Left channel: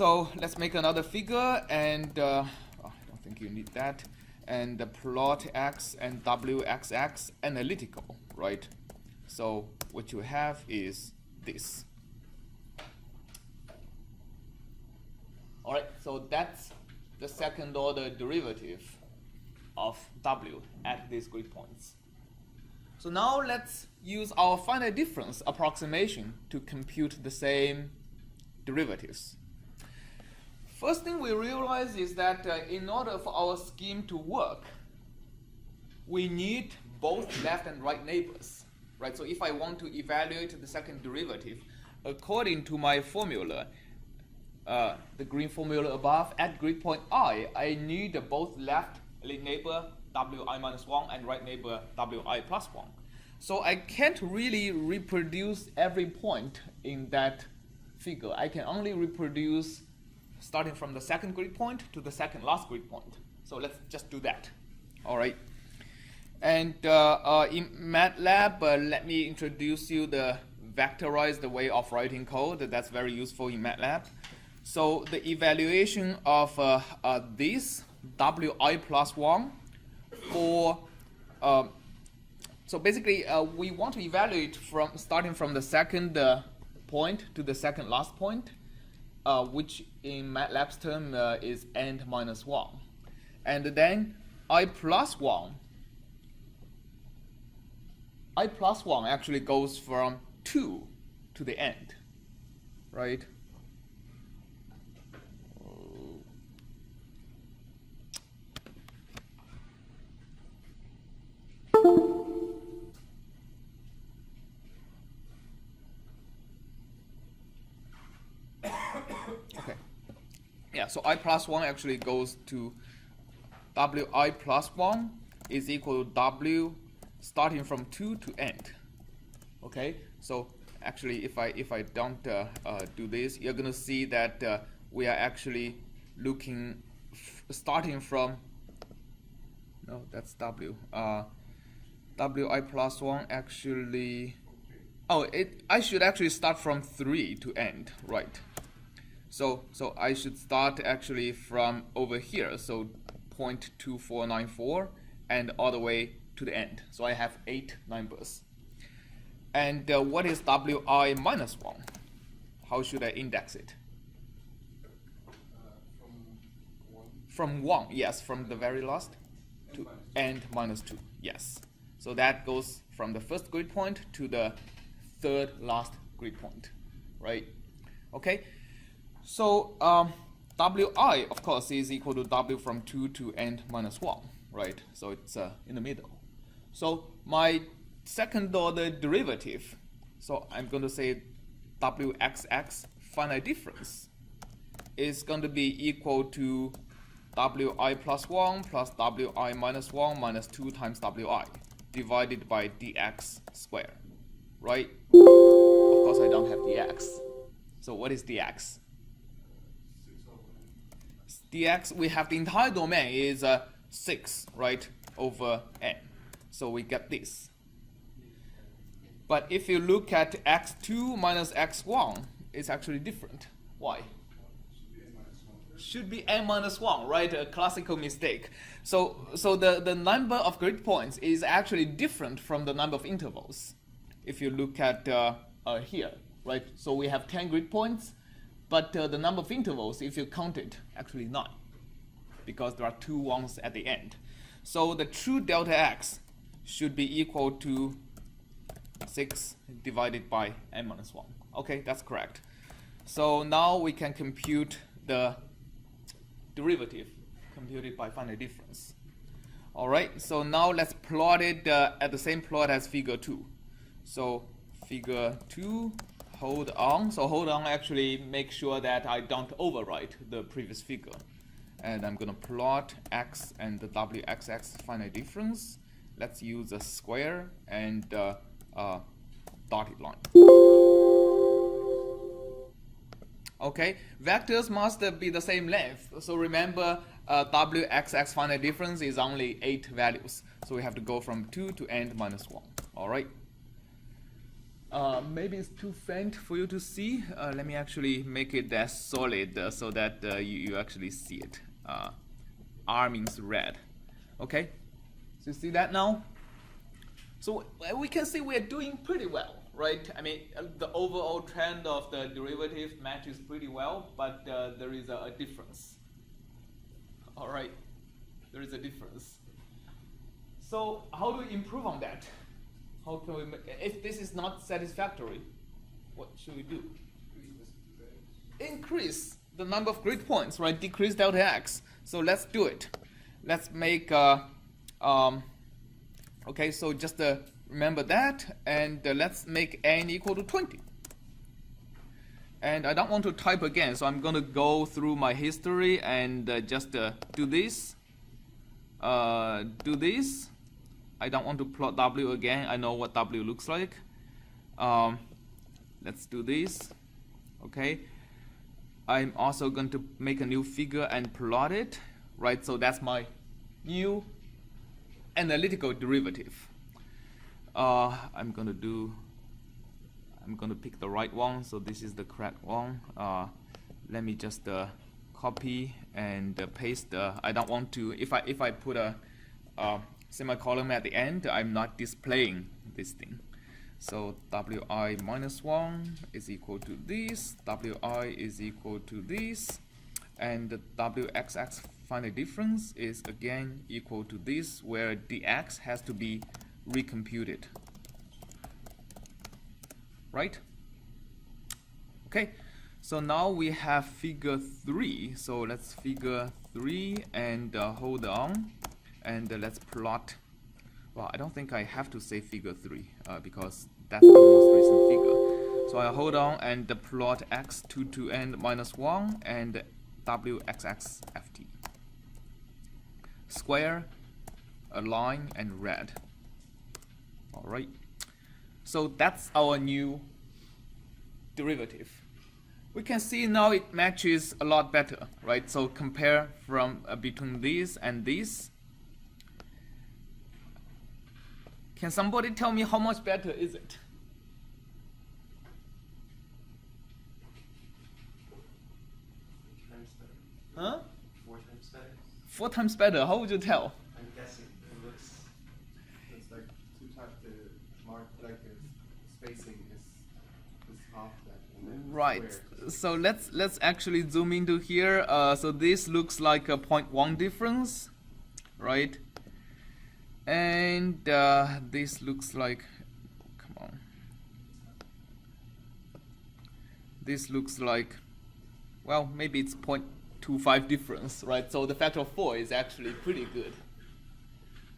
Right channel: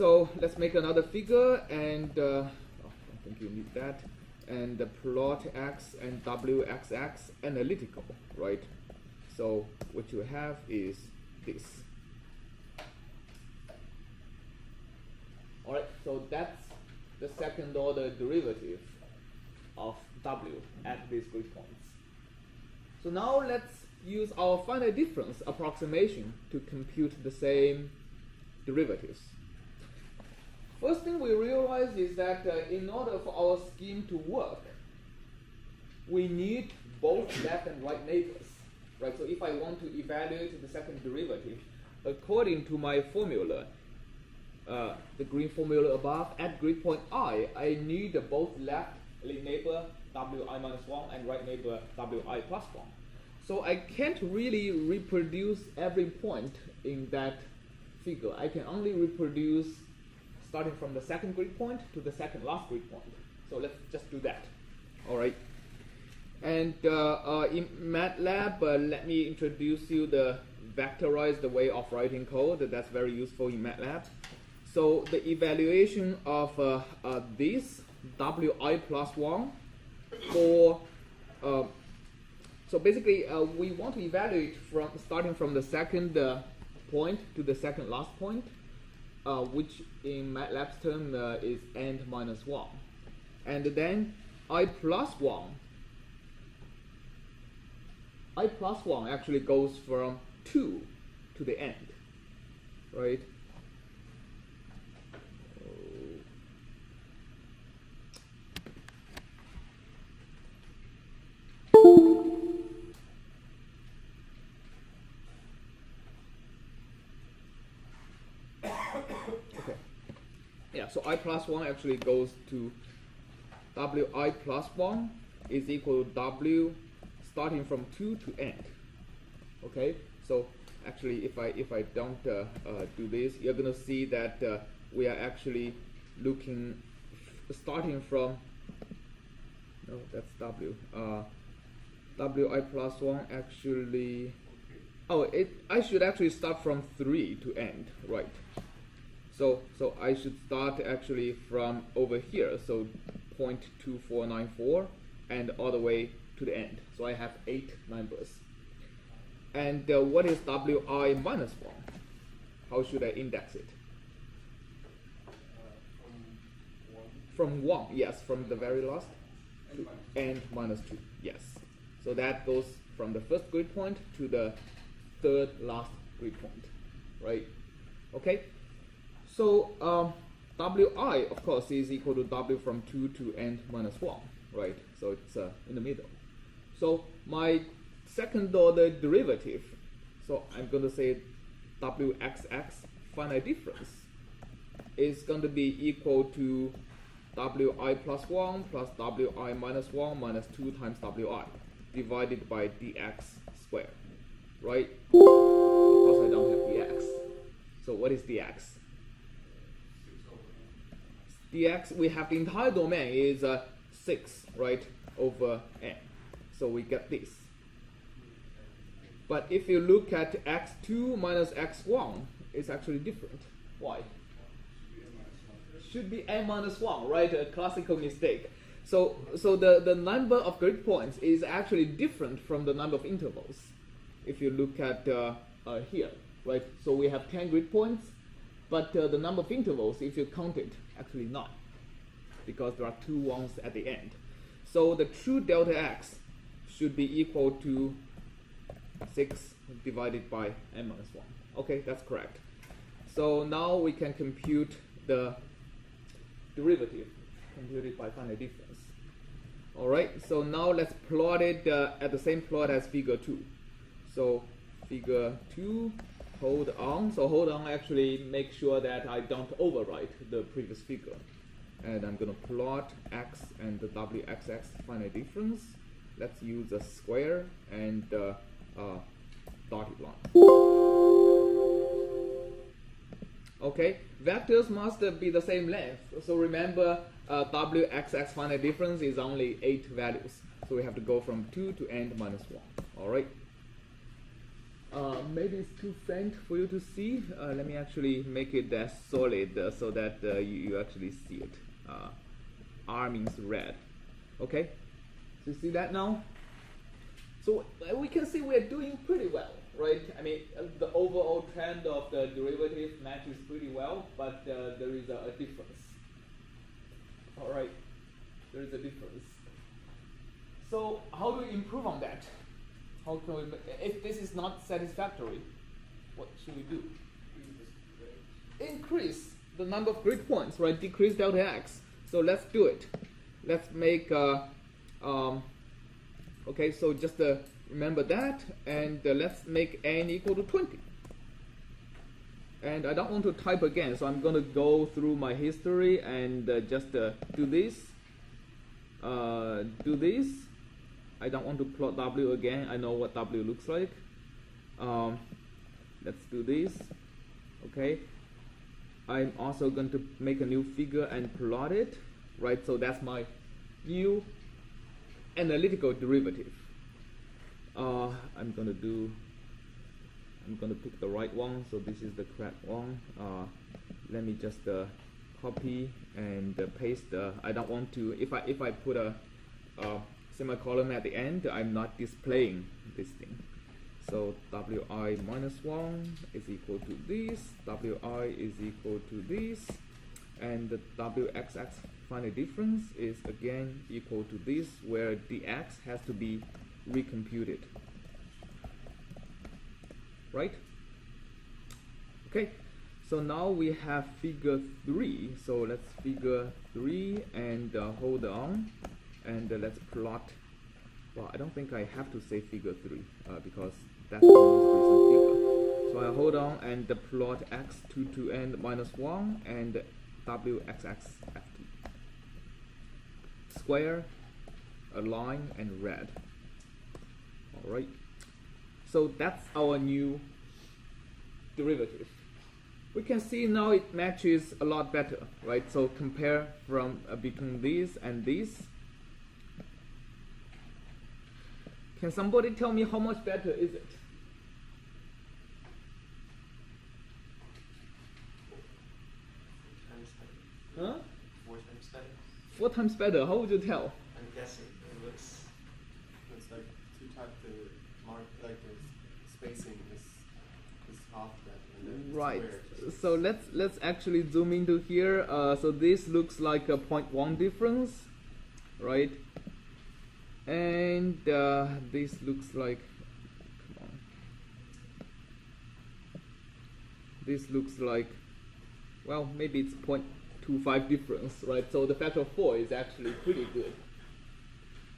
So let's make another figure, and I don't think you need that. And the plot x and w-x-x analytical, right? So what you have is this. All right, so that's the second order derivative of w at these grid points. So now let's use our finite difference approximation to compute the same derivatives. First thing we realize is that in order for our scheme to work, we need both left and right neighbors, right? So if I want to evaluate the second derivative, according to my formula, the green formula above, at grid point I need both left neighbor wi minus 1 and right neighbor wi plus 1. So I can't really reproduce every point in that figure. I can only reproduce starting from the second grid point to the second last grid point. So let's just do that. All right. And in MATLAB, let me introduce you the vectorized way of writing code. That's very useful in MATLAB. So the evaluation of this wi plus 1 for so basically we want to evaluate from starting from the second point to the second last point, which in MATLAB's term is end minus 1. And then I plus 1 actually goes from 2 to the end, right? Okay. Yeah, so I plus 1 actually goes to wi plus 1 is equal to w starting from 2 to end. Okay, so actually if I don't do this, you're gonna see that we are actually looking starting from, no, that's w. Wi plus 1 actually, oh, I should actually start from 3 to end, right? So I should start actually from over here, so 0.2494 and all the way to the end. So I have 8 numbers. And what is wi minus 1? How should I index it? From 1, yes, from the very last to end minus 2, yes. So that goes from the first grid point to the third last grid point, right? Okay, so wi, of course, is equal to w from 2 to end minus 1, right? So it's in the middle. So my second order derivative, so I'm going to say wxx finite difference is going to be equal to wi plus 1 plus wi minus 1 minus 2 times wi divided by dx squared, right? Of course, I don't have dx. So what is dx? Dx, we have the entire domain is 6, right, over n. So we get this. But if you look at x2 minus x1, it's actually different. Why? Should be n minus 1, right? A classical mistake. So the number of grid points is actually different from the number of intervals. If you look at here, right? So we have 10 grid points, but the number of intervals, if you count it, actually 9, because there are 2 ones at the end. So the true delta x should be equal to 6 divided by n minus 1. Okay, that's correct. So now we can compute the derivative computed by finite difference. All right, so now let's plot it at the same plot as figure 2. So figure 2, hold on. So hold on, actually make sure that I don't overwrite the previous figure. And I'm going to plot x and the wxx finite difference. Let's use a square and dotted line. Okay, vectors must be the same length. So remember, wxx finite difference is only 8 values. So we have to go from 2 to end minus 1. All right. Maybe it's too faint for you to see. Let me actually make it that solid so that you actually see it. R means red. Okay, so you see that now? So we can see we're doing pretty well, right? I mean, the overall trend of the derivative matches pretty well, but there is a difference. All right, there is a difference. So how do we improve on that? How can we if this is not satisfactory, what should we do? Increase the number of grid points, right? Decrease delta x. So let's do it. Let's make okay, so just remember that, and let's make n equal to 20. And I don't want to type again, so I'm going to go through my history and just do this. Do this. I don't want to plot W again. I know what W looks like. Let's do this. Okay. I'm also going to make a new figure and plot it. Right. So that's my new analytical derivative. I'm going to pick the right one. So this is the correct one. Let me just copy and paste. I don't want to. If I put a semicolon at the end, I'm not displaying this thing. So wi minus 1 is equal to this, wi is equal to this, and the wxx final difference is again equal to this, where dx has to be recomputed. Right? Okay, so now we have figure 3. So let's figure 3 and hold on. And let's plot. Well, I don't think I have to say figure 3 because that's the most recent figure. So I hold on and plot x to 2n minus 1 and wxx ft. Square, a line, and red. All right. So that's our new derivative. We can see now it matches a lot better, right? So compare from between these and these. Can somebody tell me how much better is it? 4 times better. Huh? 4 times better. 4 times better. How would you tell? I'm guessing it looks. It's like 2 times the mark, like the spacing is half that. And then Right. squared. So let's actually zoom into here. So this looks like a 0.1 difference, right? And this looks like, come on. This looks like, well, maybe it's 0.25 difference, right? So the factor of 4 is actually pretty good.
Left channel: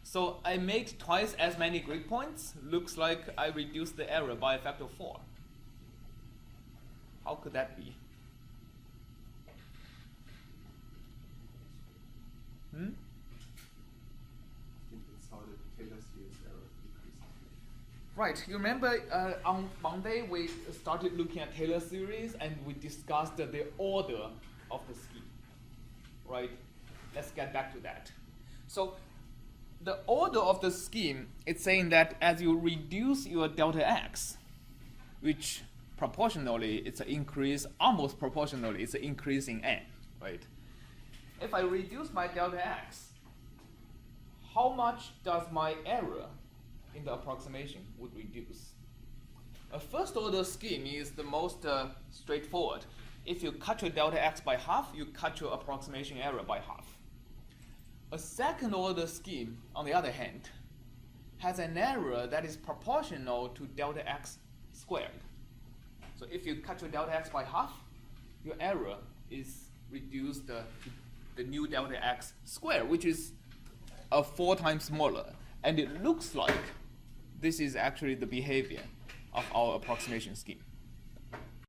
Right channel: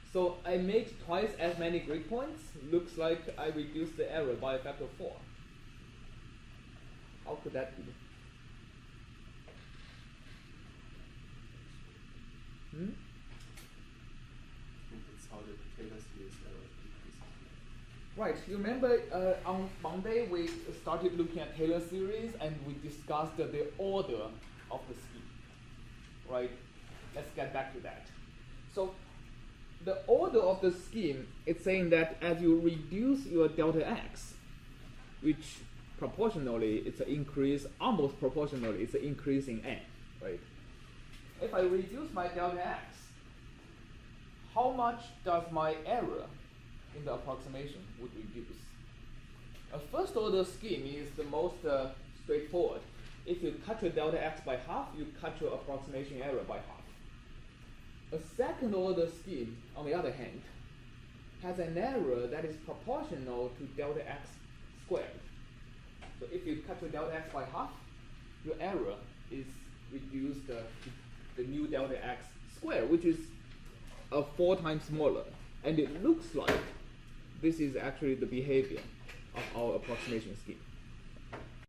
So I made twice as many grid points. Looks like I reduced the error by a factor of 4. How could that be? I think it's how the Taylor series error decreases. Right, you remember on Monday we started looking at Taylor series and we discussed the order of the scheme. Right, let's get back to that. So the order of the scheme, it's saying that as you reduce your delta x, which proportionally it's an increase, almost proportionally it's an increase in n, right? If I reduce my delta x, how much does my error in the approximation would reduce? A first order scheme is the most straightforward. If you cut your delta x by half, you cut your approximation error by half. A second order scheme, on the other hand, has an error that is proportional to delta x squared. So if you cut your delta x by half, your error is reduced to the new delta x squared, which is 4 times smaller. And it looks like this is actually the behavior of our approximation scheme.